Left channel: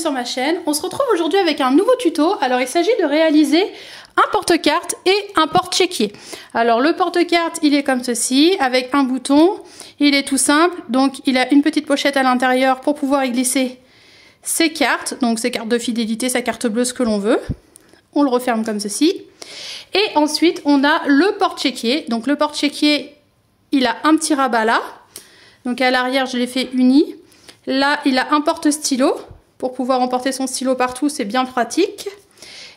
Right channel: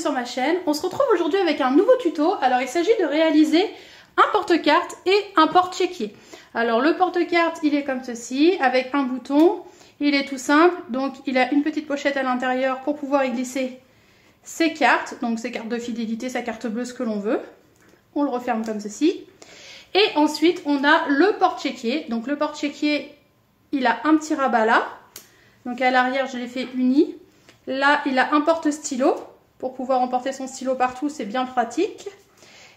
sur ma chaîne. On se retrouve aujourd'hui avec un nouveau tuto. Alors il s'agit de réaliser un porte-carte et un porte-chéquier. Alors le porte-carte il est comme ceci avec un bouton. Il est tout simple, donc il a une petite pochette à l'intérieur pour pouvoir y glisser ses cartes. Donc ses cartes de fidélité, sa carte bleue, ce que l'on veut. On le referme comme ceci. Et ensuite on a le porte-chéquier. Donc le porte-chéquier il a un petit rabat là. Donc à l'arrière je l'ai fait uni. Là, il a un porte-stylo pour pouvoir emporter son stylo partout, c'est bien pratique.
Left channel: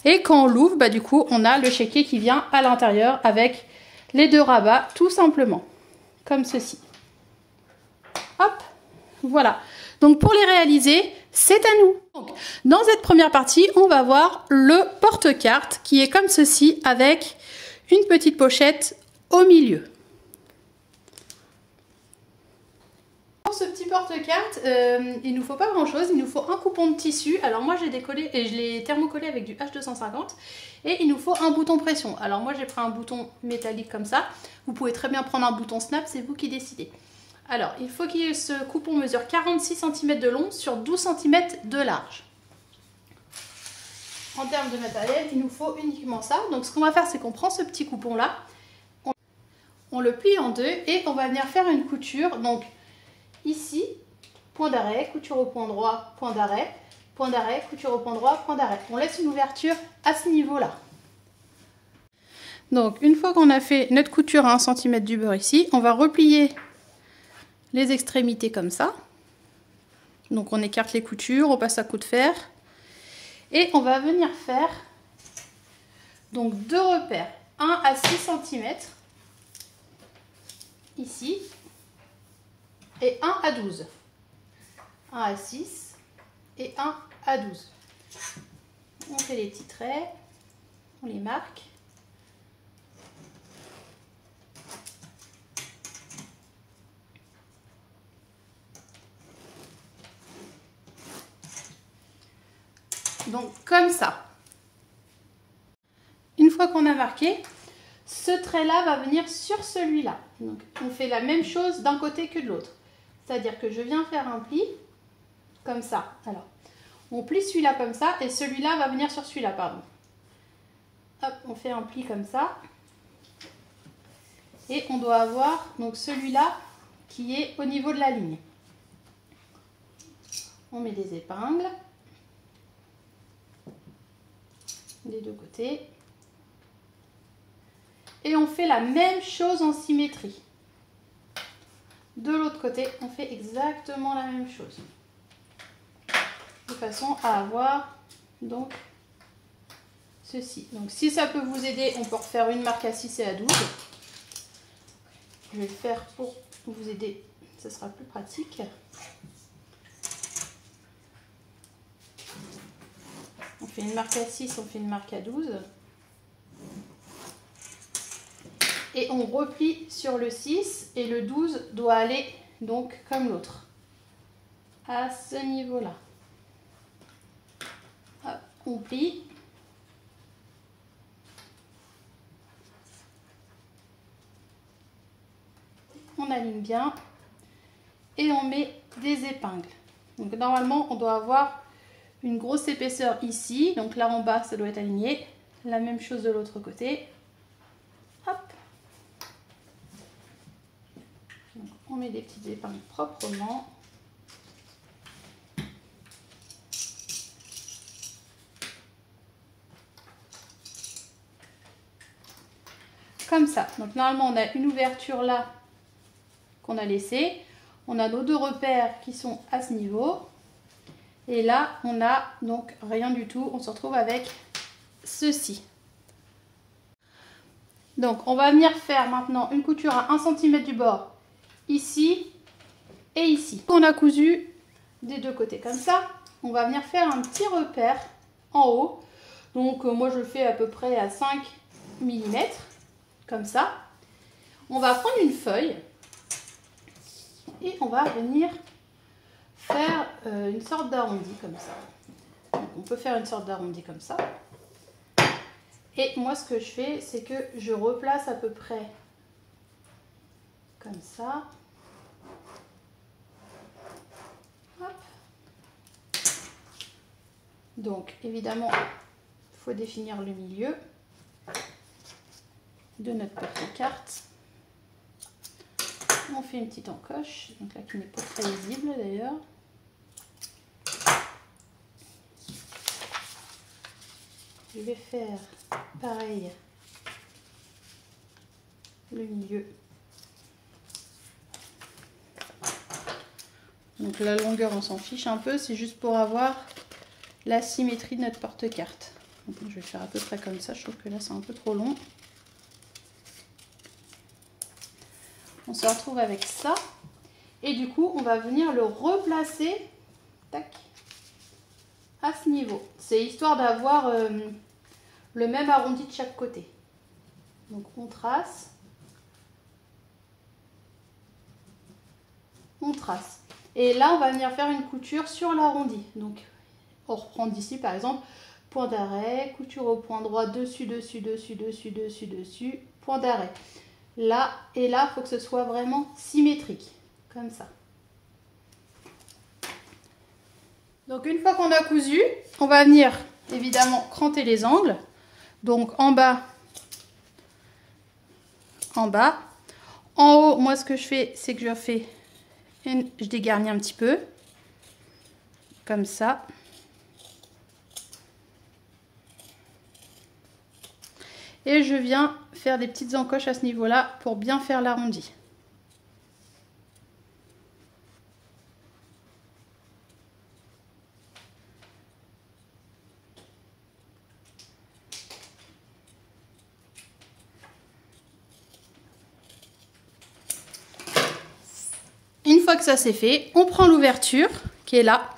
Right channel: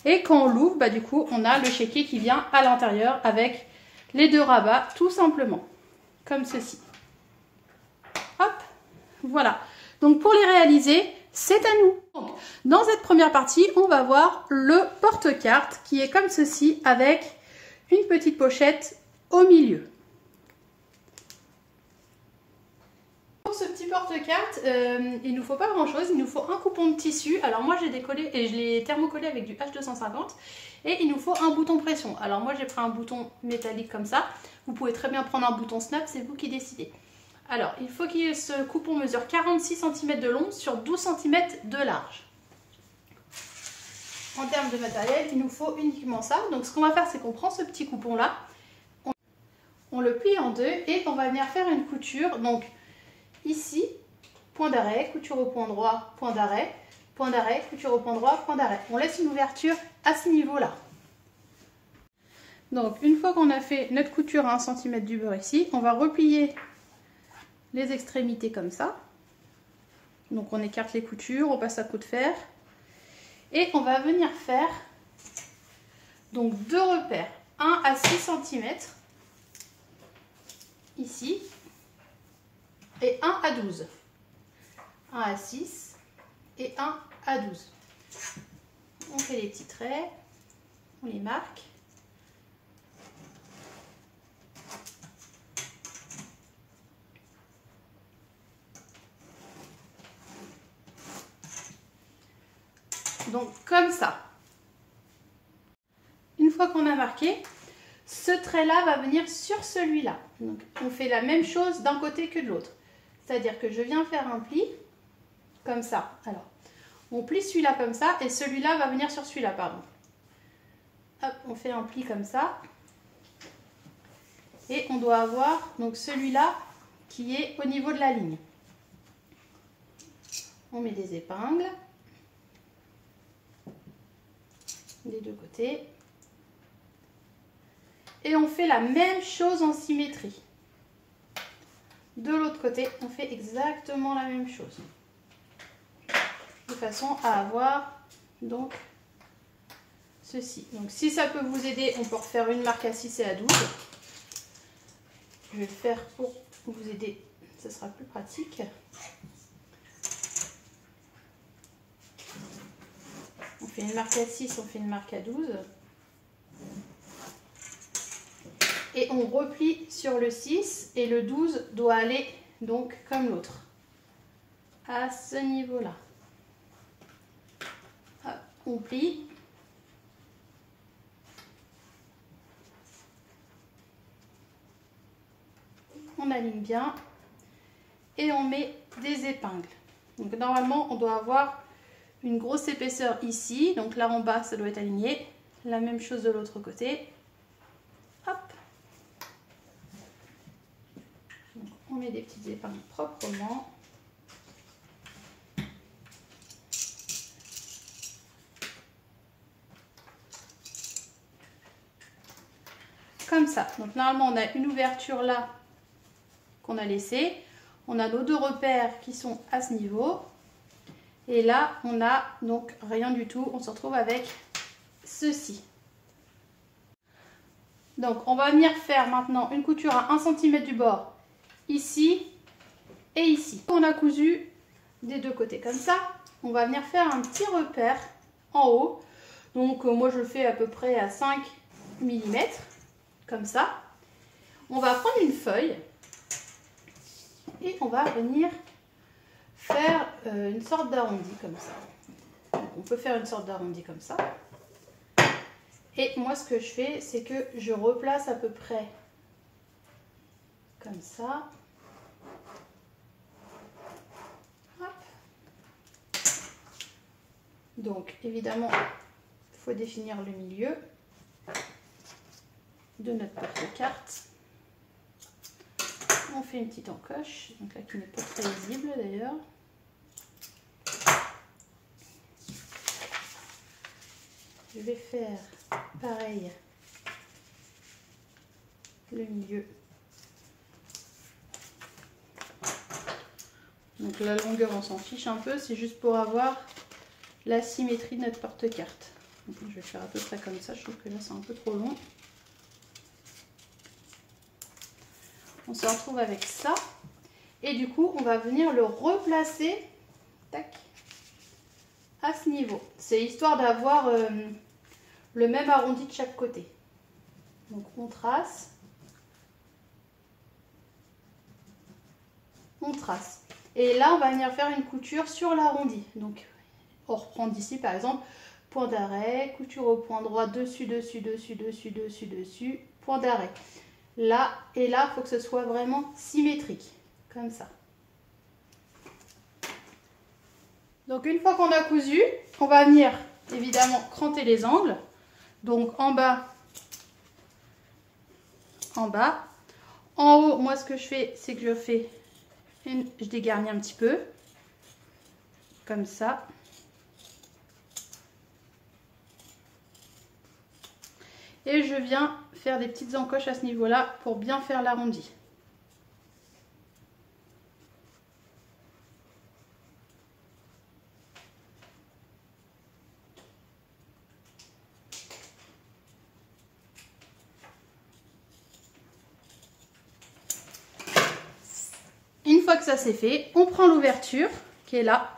Et quand on l'ouvre, bah, du coup, on a le chéquier qui vient à l'intérieur avec les deux rabats, tout simplement, comme ceci. Hop, voilà. Donc pour les réaliser, c'est à nous. Donc, dans cette première partie, on va voir le porte-carte qui est comme ceci avec une petite pochette au milieu. Pour ce petit porte-carte, il ne nous faut pas grand chose, il nous faut un coupon de tissu. Alors moi j'ai décollé et je l'ai thermocollé avec du H250 et il nous faut un bouton pression. Alors moi j'ai pris un bouton métallique comme ça, vous pouvez très bien prendre un bouton snap, c'est vous qui décidez. Alors il faut que ce coupon mesure 46 cm de long sur 12 cm de large. En termes de matériel, il nous faut uniquement ça. Donc ce qu'on va faire, c'est qu'on prend ce petit coupon là, on le plie en deux et on va venir faire une couture. Donc ici, point d'arrêt, couture au point droit, point d'arrêt, couture au point droit, point d'arrêt. On laisse une ouverture à ce niveau-là. Donc, une fois qu'on a fait notre couture à 1 cm du beurre ici, on va replier les extrémités comme ça. Donc, on écarte les coutures, on passe à coup de fer. Et on va venir faire donc deux repères, 1 à 6 cm ici. Et 1 à 12. 1 à 6 et 1 à 12. On fait les petits traits, on les marque. Donc comme ça. Une fois qu'on a marqué, ce trait-là va venir sur celui-là. Donc on fait la même chose d'un côté que de l'autre. C'est-à-dire que je viens faire un pli, comme ça. Alors, on plie celui-là comme ça, et celui-là va venir sur celui-là, pardon. Hop, on fait un pli comme ça. Et on doit avoir donc celui-là qui est au niveau de la ligne. On met des épingles. Des deux côtés. Et on fait la même chose en symétrie. De l'autre côté, on fait exactement la même chose. De façon à avoir donc ceci. Donc si ça peut vous aider, on peut refaire une marque à 6 et à 12. Je vais le faire pour vous aider, ce sera plus pratique. On fait une marque à 6, on fait une marque à 12. Et on replie sur le 6 et le 12 doit aller donc comme l'autre, à ce niveau-là. On plie. On aligne bien et on met des épingles. Donc normalement on doit avoir une grosse épaisseur ici, donc là en bas ça doit être aligné. La même chose de l'autre côté. Hop. On met des petites épingles proprement. Comme ça. Donc normalement on a une ouverture là qu'on a laissée. On a nos deux repères qui sont à ce niveau. Et là on a donc rien du tout. On se retrouve avec ceci. Donc on va venir faire maintenant une couture à 1 cm du bord. Ici et ici. On a cousu des deux côtés comme ça. On va venir faire un petit repère en haut. Donc moi je le fais à peu près à 5 mm. Comme ça. On va prendre une feuille. Et on va venir faire une sorte d'arrondi comme ça. Donc on peut faire une sorte d'arrondi comme ça. Et moi ce que je fais, c'est que je replace à peu près comme ça. Hop. Donc évidemment, il faut définir le milieu de notre porte-carte. On fait une petite encoche, donc là qui n'est pas très visible d'ailleurs. Je vais faire pareil le milieu. Donc la longueur on s'en fiche un peu, c'est juste pour avoir la symétrie de notre porte-carte. Je vais faire à peu près comme ça, je trouve que là c'est un peu trop long. On se retrouve avec ça. Et du coup, on va venir le replacer tac, à ce niveau. C'est histoire d'avoir le même arrondi de chaque côté. Donc on trace. On trace. Et là, on va venir faire une couture sur l'arrondi. Donc on reprend d'ici par exemple, point d'arrêt, couture au point droit, dessus, dessus, dessus, dessus, dessus, dessus, point d'arrêt. Là et là, il faut que ce soit vraiment symétrique, comme ça. Donc une fois qu'on a cousu, on va venir évidemment cranter les angles. Donc en bas, en bas. En haut, moi ce que je fais, c'est que je dégarnis un petit peu, comme ça. Et je viens faire des petites encoches à ce niveau-là pour bien faire l'arrondi. Une fois que ça c'est fait, on prend l'ouverture qui est là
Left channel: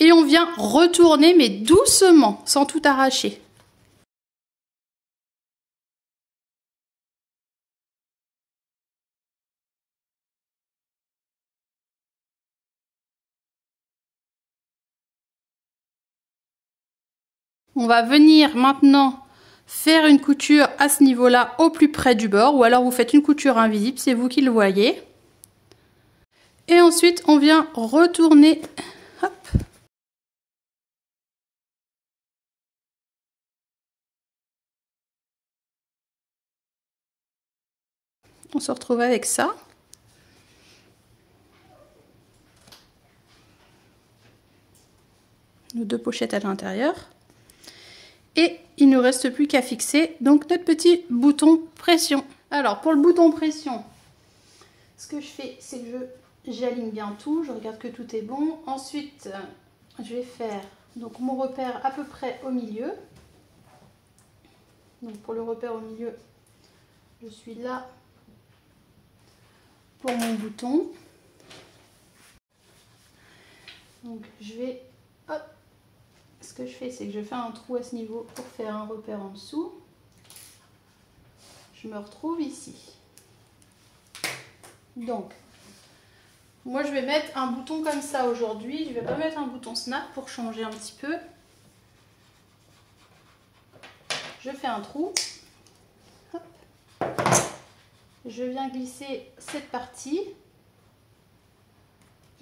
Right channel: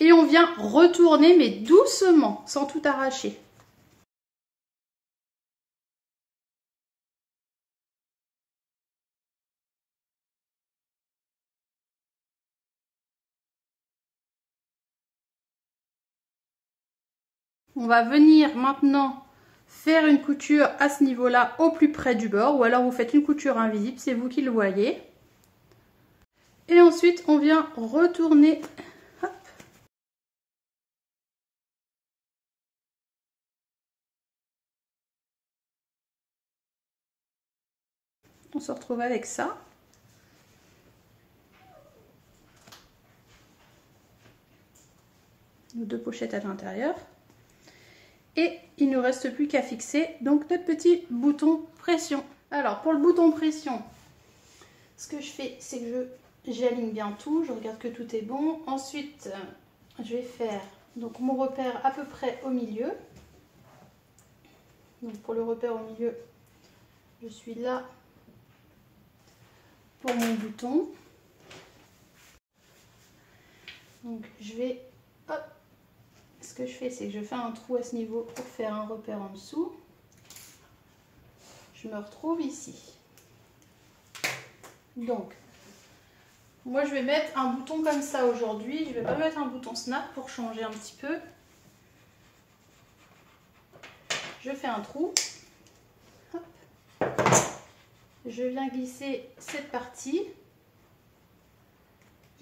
et on vient retourner mais doucement, sans tout arracher. On va venir maintenant faire une couture à ce niveau-là au plus près du bord, ou alors vous faites une couture invisible, c'est vous qui le voyez. Et ensuite on vient retourner, hop. On se retrouve avec ça. Nos deux pochettes à l'intérieur. Et il ne nous reste plus qu'à fixer donc notre petit bouton pression. Alors pour le bouton pression, ce que je fais, c'est que j'aligne bien tout, je regarde que tout est bon. Ensuite, je vais faire donc mon repère à peu près au milieu. Donc pour le repère au milieu, je suis là pour mon bouton. Donc je vais, hop, ce que je fais, c'est que je fais un trou à ce niveau pour faire un repère en dessous. Je me retrouve ici. Donc, moi je vais mettre un bouton comme ça aujourd'hui. Je ne vais pas mettre un bouton snap pour changer un petit peu. Je fais un trou. Hop. Je viens glisser cette partie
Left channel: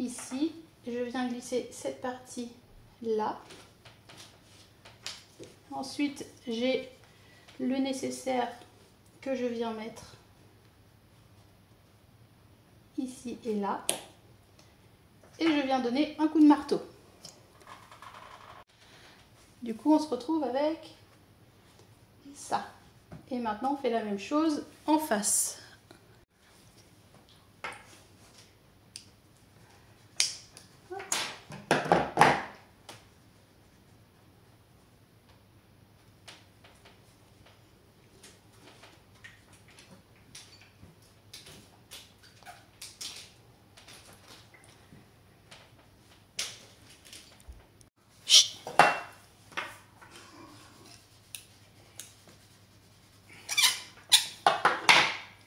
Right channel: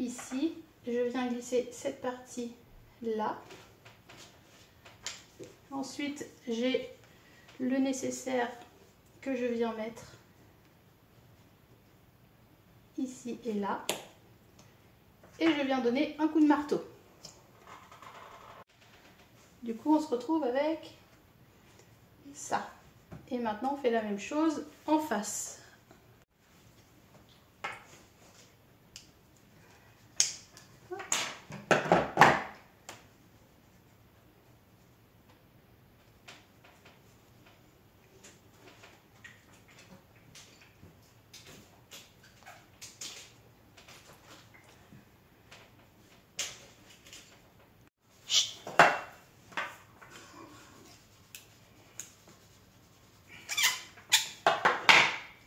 ici. Je viens glisser cette partie là. Ensuite, j'ai le nécessaire que je viens mettre ici et là. Et je viens donner un coup de marteau. Du coup, on se retrouve avec ça. Et maintenant, on fait la même chose en face.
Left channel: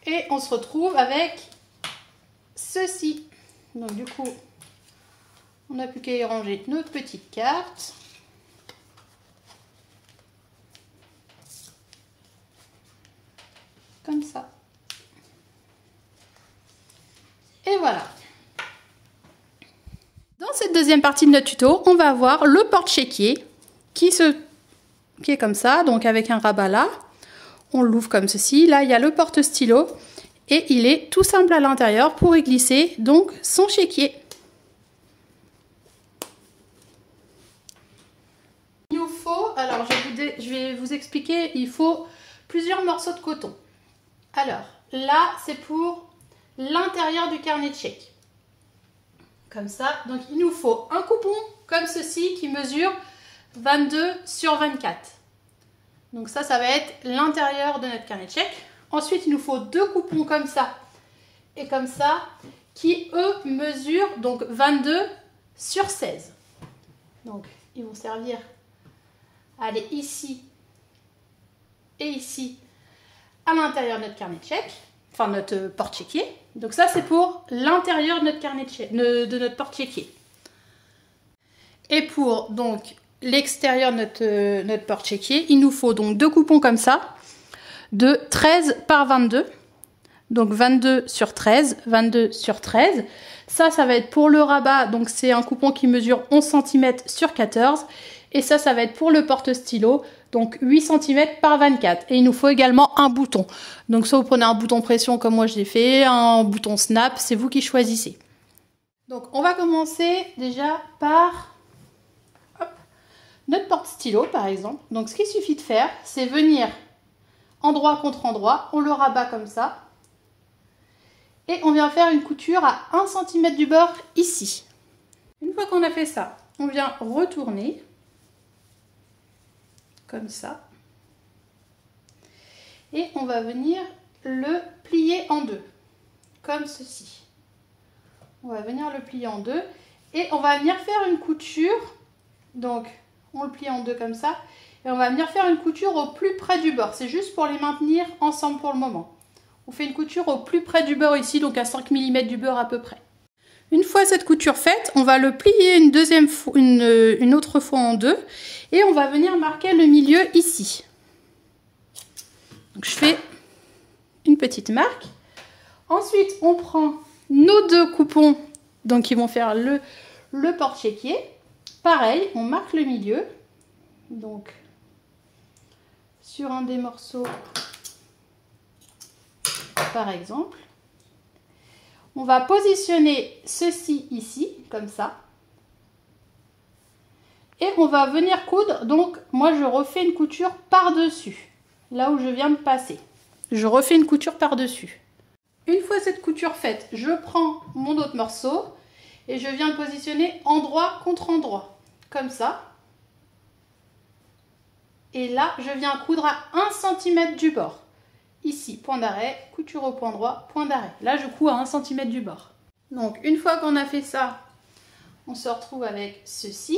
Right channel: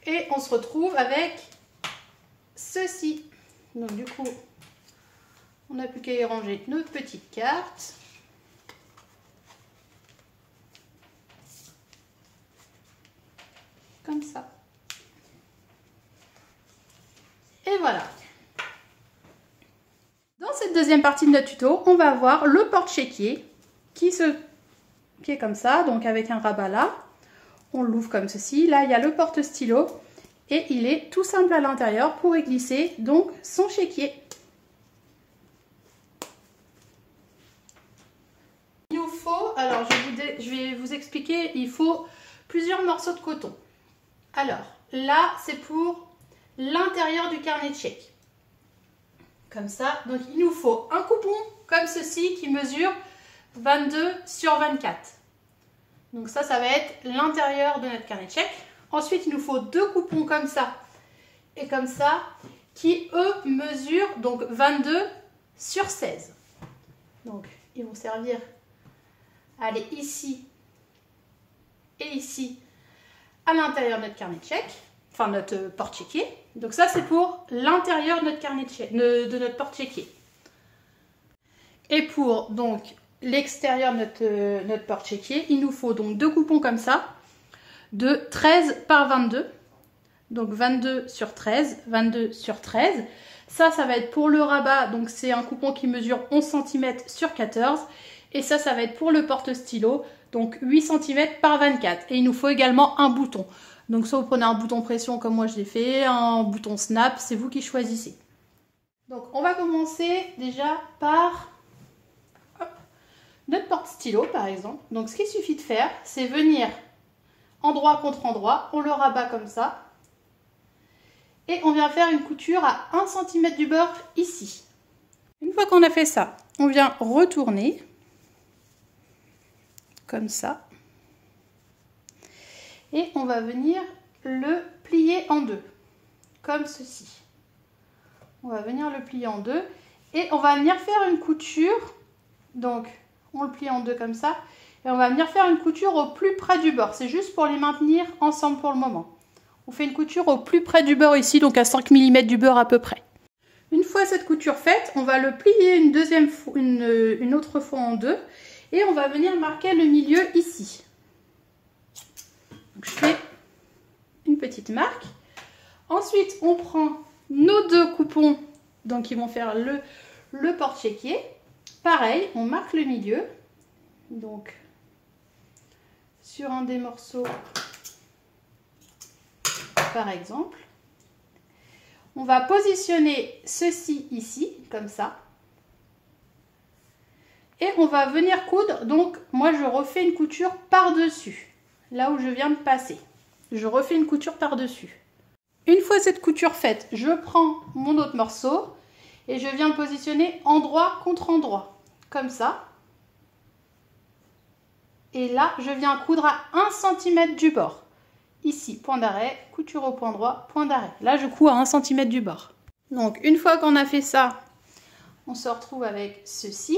Et on se retrouve avec ceci. Donc du coup, on n'a plus qu'à y ranger notre petite carte. Comme ça. Et voilà. Dans cette deuxième partie de notre tuto, on va avoir le porte-chéquier. qui est comme ça, donc avec un rabat là. On l'ouvre comme ceci. Là, il y a le porte-stylo et il est tout simple à l'intérieur pour y glisser donc son chéquier. Il nous faut, alors je vais vous expliquer, il faut plusieurs morceaux de coton. Alors là, c'est pour l'intérieur du carnet de chèques. Comme ça, donc il nous faut un coupon comme ceci qui mesure 22 sur 24. Donc ça va être l'intérieur de notre carnet de chèques. Ensuite, il nous faut deux coupons comme ça et comme ça qui, eux, mesurent donc 22 sur 16. Donc, ils vont servir à aller ici et ici à l'intérieur de notre carnet de chèques, enfin notre porte-chéquier. Donc ça, c'est pour l'intérieur de notre carnet de chèques, de notre porte-chéquier. Et pour donc l'extérieur de notre porte-chéquier, il nous faut donc deux coupons comme ça, de 13 par 22. Donc 22 sur 13, 22 sur 13. Ça va être pour le rabat, donc c'est un coupon qui mesure 11 cm sur 14. Et ça va être pour le porte-stylo, donc 8 cm par 24. Et il nous faut également un bouton. Donc soit vous prenez un bouton pression comme moi je l'ai fait, un bouton snap, c'est vous qui choisissez. Donc on va commencer déjà par notre porte-stylo par exemple. Donc ce qu'il suffit de faire, c'est venir endroit contre endroit, on le rabat comme ça. Et on vient faire une couture à 1 cm du bord ici. Une fois qu'on a fait ça, on vient retourner comme ça. Et on va venir le plier en deux, comme ceci. On va venir le plier en deux et on va venir faire une couture. Donc on le plie en deux comme ça. Et on va venir faire une couture au plus près du bord. C'est juste pour les maintenir ensemble pour le moment. On fait une couture au plus près du bord ici, donc à 5 mm du bord à peu près. Une fois cette couture faite, on va le plier une autre fois en deux. Et on va venir marquer le milieu ici. Donc je fais une petite marque. Ensuite, on prend nos deux coupons, donc qui vont faire le porte-chéquier. Pareil, on marque le milieu. Donc, sur un des morceaux, par exemple. On va positionner ceci ici, comme ça. Et on va venir coudre, donc moi je refais une couture par-dessus, là où je viens de passer. Je refais une couture par-dessus. Une fois cette couture faite, je prends mon autre morceau et je viens le positionner endroit contre endroit, comme ça. Et là, je viens coudre à 1 cm du bord. Ici, point d'arrêt, couture au point droit, point d'arrêt. Là, je couds à 1 cm du bord. Donc, une fois qu'on a fait ça, on se retrouve avec ceci.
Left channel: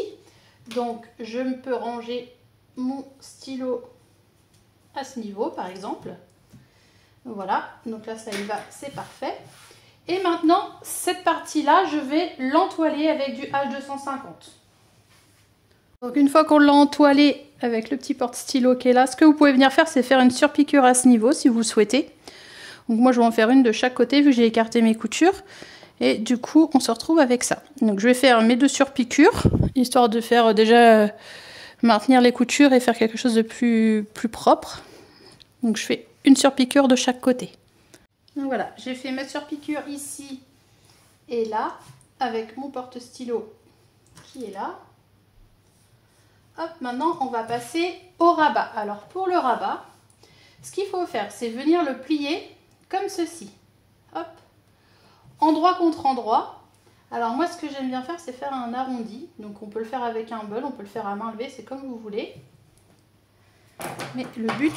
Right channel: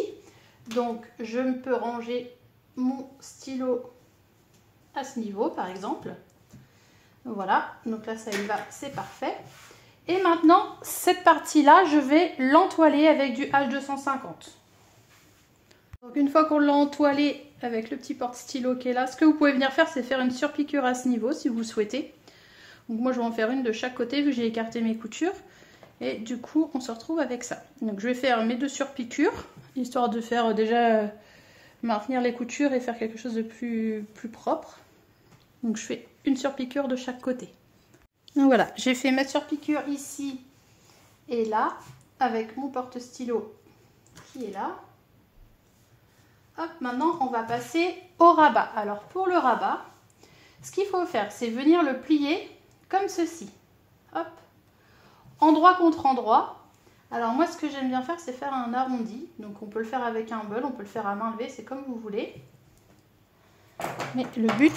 Donc, je peux ranger mon stylo à ce niveau, par exemple. Voilà, donc là, ça y va, c'est parfait. Et maintenant, cette partie-là, je vais l'entoiler avec du H250. Donc, une fois qu'on l'a entoilé avec le petit porte-stylo qui est là, ce que vous pouvez venir faire, c'est faire une surpiqûre à ce niveau, si vous le souhaitez. Donc, moi, je vais en faire une de chaque côté, vu que j'ai écarté mes coutures. Et du coup, on se retrouve avec ça. Donc, je vais faire mes deux surpiqûres, histoire de faire déjà maintenir les coutures et faire quelque chose de plus propre. Donc, je fais une surpiqûre de chaque côté. Donc, voilà, j'ai fait ma surpiqûre ici et là, avec mon porte-stylo qui est là. Hop, maintenant, on va passer au rabat. Alors, pour le rabat, ce qu'il faut faire, c'est venir le plier comme ceci. Hop. Endroit contre endroit. Alors moi, ce que j'aime bien faire, c'est faire un arrondi. Donc on peut le faire avec un bol, on peut le faire à main levée, c'est comme vous voulez. Mais le but,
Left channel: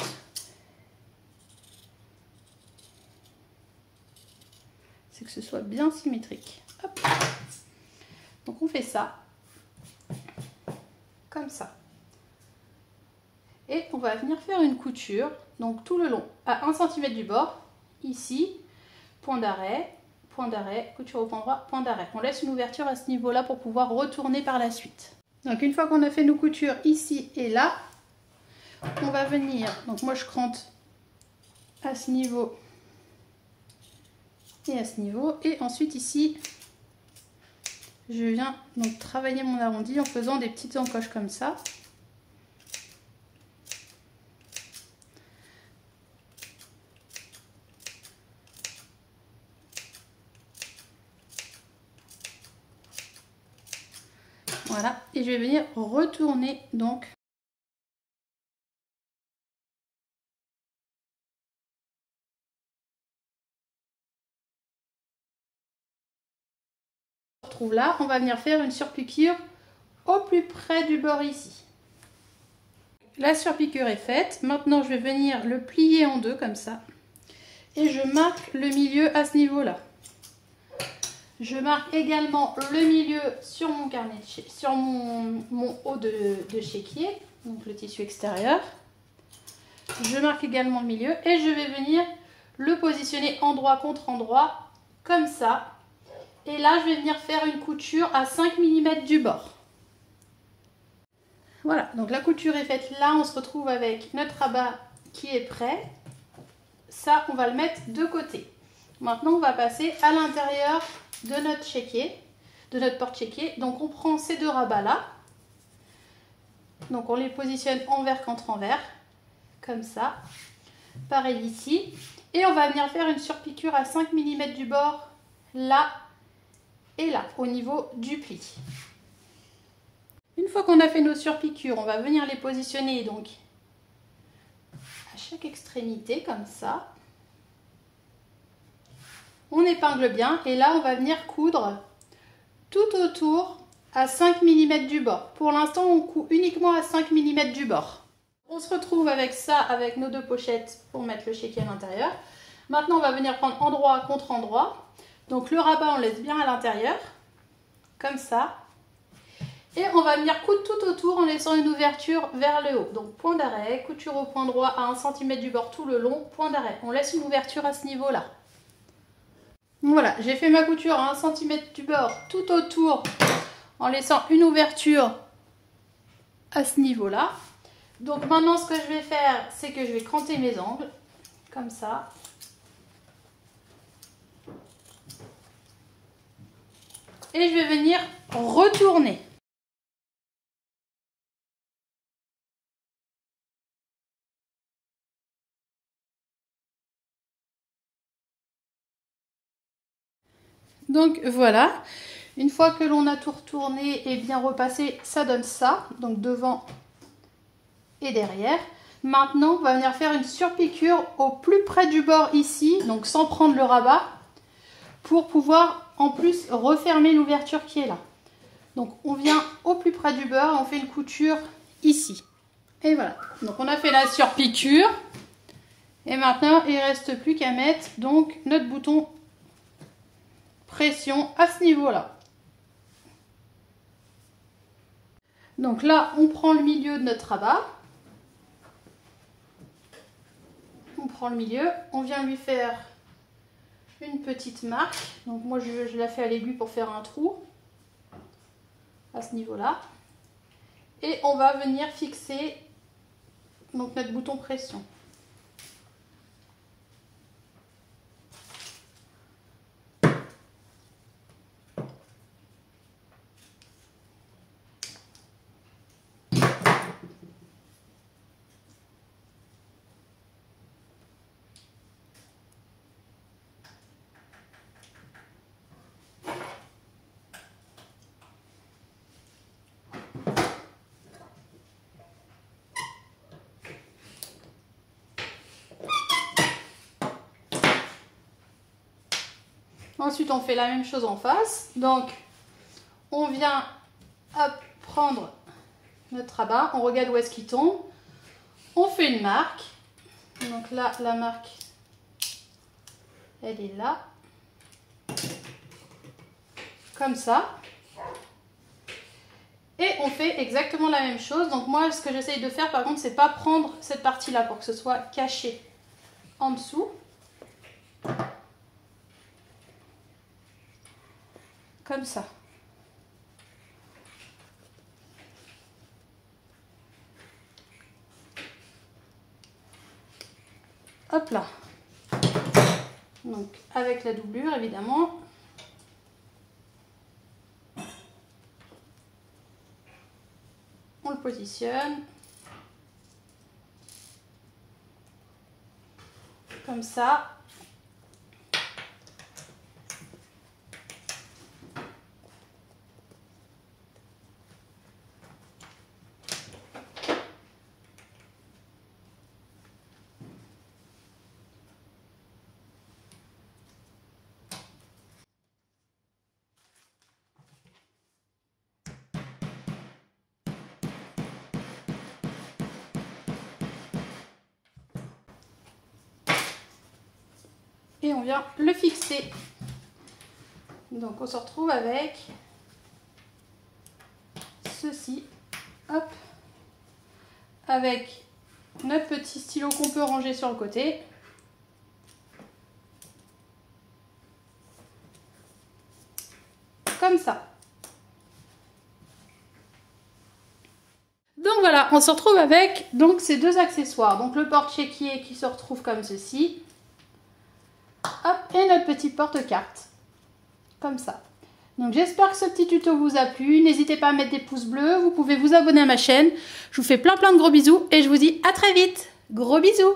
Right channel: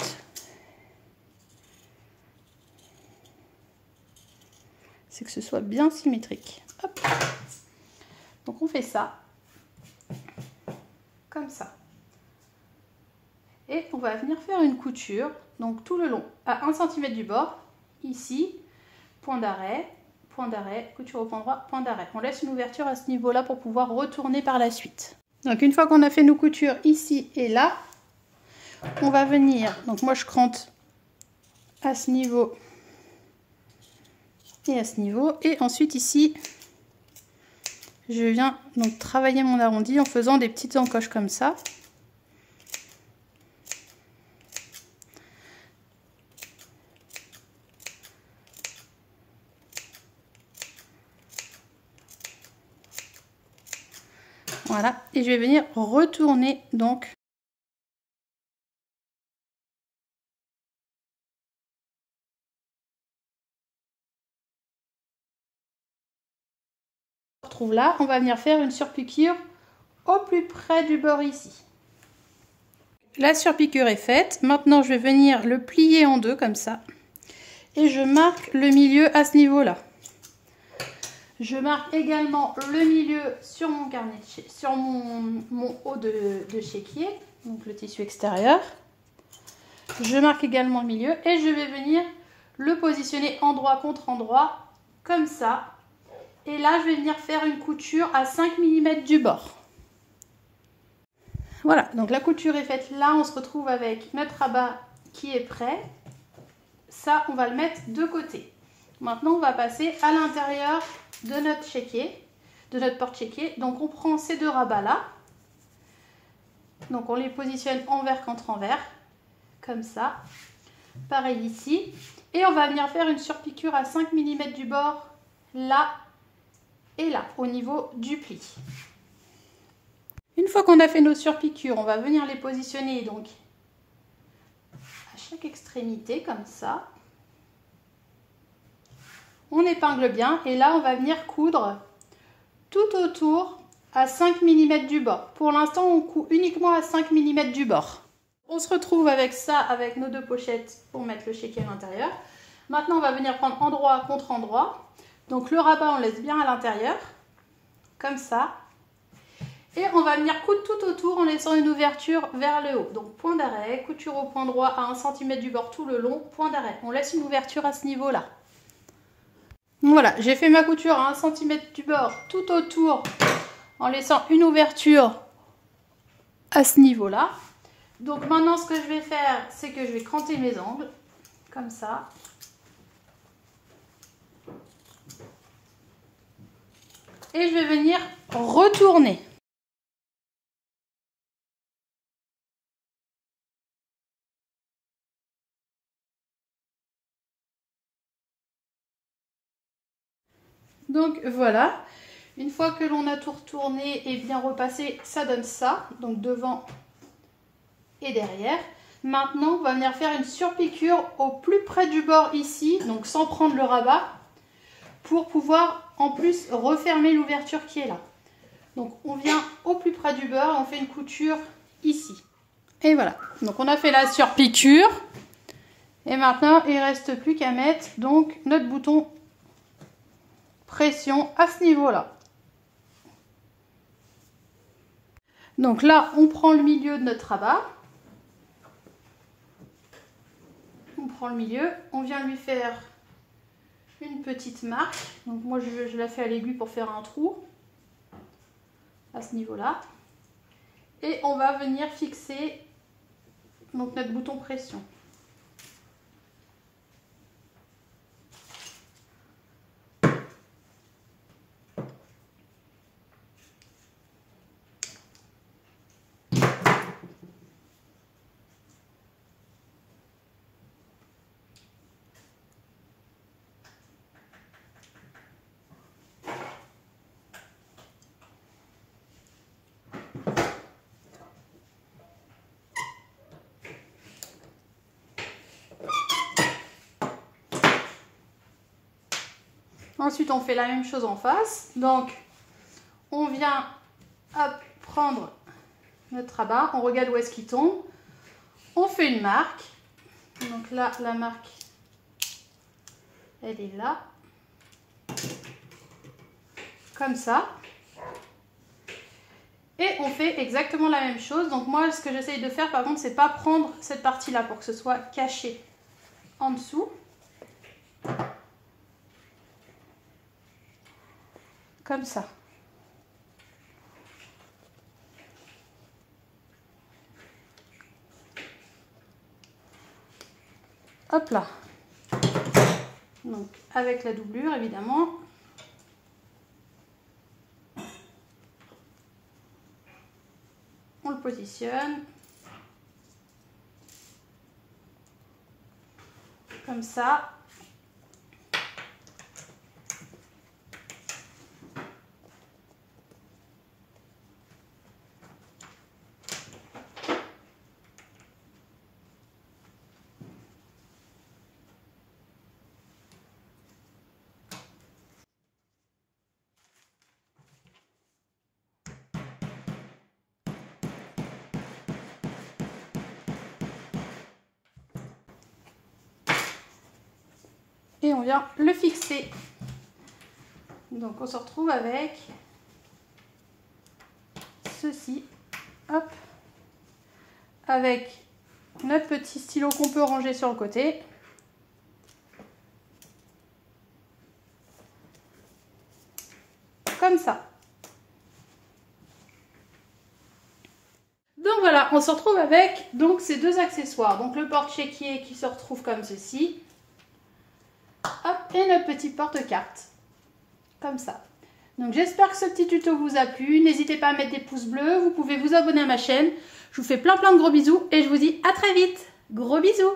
c'est que ce soit bien symétrique. Hop. Donc on fait ça, comme ça. Et on va venir faire une couture, donc tout le long, à 1 cm du bord, ici, point d'arrêt, couture au point droit, point d'arrêt. On laisse une ouverture à ce niveau-là pour pouvoir retourner par la suite. Donc une fois qu'on a fait nos coutures ici et là, on va venir, donc moi je crante à ce niveau et à ce niveau, et ensuite ici, je viens donc travailler mon arrondi en faisant des petites encoches comme ça. Voilà, et je vais venir retourner donc. On retrouve là, on va venir faire une surpiqûre au plus près du bord ici. La surpiqûre est faite. Maintenant, je vais venir le plier en deux comme ça. Et je marque le milieu à ce niveau-là. Je marque également le milieu sur mon carnet, sur mon haut de chéquier, donc le tissu extérieur. Je marque également le milieu et je vais venir le positionner endroit contre endroit, comme ça. Et là, je vais venir faire une couture à 5 mm du bord. Voilà, donc la couture est faite là, on se retrouve avec notre rabat qui est prêt. Ça, on va le mettre de côté. Maintenant, on va passer à l'intérieur de notre chéquier, de notre porte-chéquier. Donc, on prend ces deux rabats-là. Donc, on les positionne envers contre envers, comme ça. Pareil ici. Et on va venir faire une surpiqûre à 5 mm du bord, là et là, au niveau du pli. Une fois qu'on a fait nos surpiqûres, on va venir les positionner donc à chaque extrémité, comme ça. On épingle bien et là, on va venir coudre tout autour à 5 mm du bord. Pour l'instant, on coud uniquement à 5 mm du bord. On se retrouve avec ça, avec nos deux pochettes pour mettre le chéquier à l'intérieur. Maintenant, on va venir prendre endroit contre endroit. Donc, le rabat, on laisse bien à l'intérieur, comme ça. Et on va venir coudre tout autour en laissant une ouverture vers le haut. Donc, point d'arrêt, couture au point droit à 1 cm du bord tout le long, point d'arrêt. On laisse une ouverture à ce niveau-là. Voilà, j'ai fait ma couture à 1 cm du bord tout autour en laissant une ouverture à ce niveau-là. Donc maintenant, ce que je vais faire, c'est que je vais cranter mes angles, comme ça. Et je vais venir retourner. Donc voilà, une fois que l'on a tout retourné et bien repassé, ça donne ça, donc devant et derrière. Maintenant, on va venir faire une surpiqûre au plus près du bord ici, donc sans prendre le rabat, pour pouvoir en plus refermer l'ouverture qui est là. Donc on vient au plus près du bord, on fait une couture ici. Et voilà, donc on a fait la surpiqûre. Et maintenant, il ne reste plus qu'à mettre donc notre bouton pression à ce niveau-là. Donc là, on prend le milieu de notre rabat. On prend le milieu, on vient lui faire une petite marque. Donc moi, je la fais à l'aiguille pour faire un trou à ce niveau-là. Et on va venir fixer donc notre bouton pression. Ensuite, on fait la même chose en face. Donc, on vient prendre notre rabat. On regarde où est-ce qu'il tombe. On fait une marque. Donc là, la marque, elle est là. Comme ça. Et on fait exactement la même chose. Donc moi, ce que j'essaye de faire, par contre, c'est pas prendre cette partie-là pour que ce soit caché en dessous. Comme ça. Hop là. Donc, avec la doublure, évidemment. On le positionne. Comme ça. et on vient le fixer. Donc on se retrouve avec ceci, hop, avec notre petit stylo qu'on peut ranger sur le côté. Comme ça. Donc voilà, on se retrouve avec donc ces deux accessoires. Donc le porte-chéquier qui se retrouve comme ceci. Hop, et notre petit porte-carte. Comme ça. Donc j'espère que ce petit tuto vous a plu. N'hésitez pas à mettre des pouces bleus. Vous pouvez vous abonner à ma chaîne. Je vous fais plein de gros bisous et je vous dis à très vite. Gros bisous.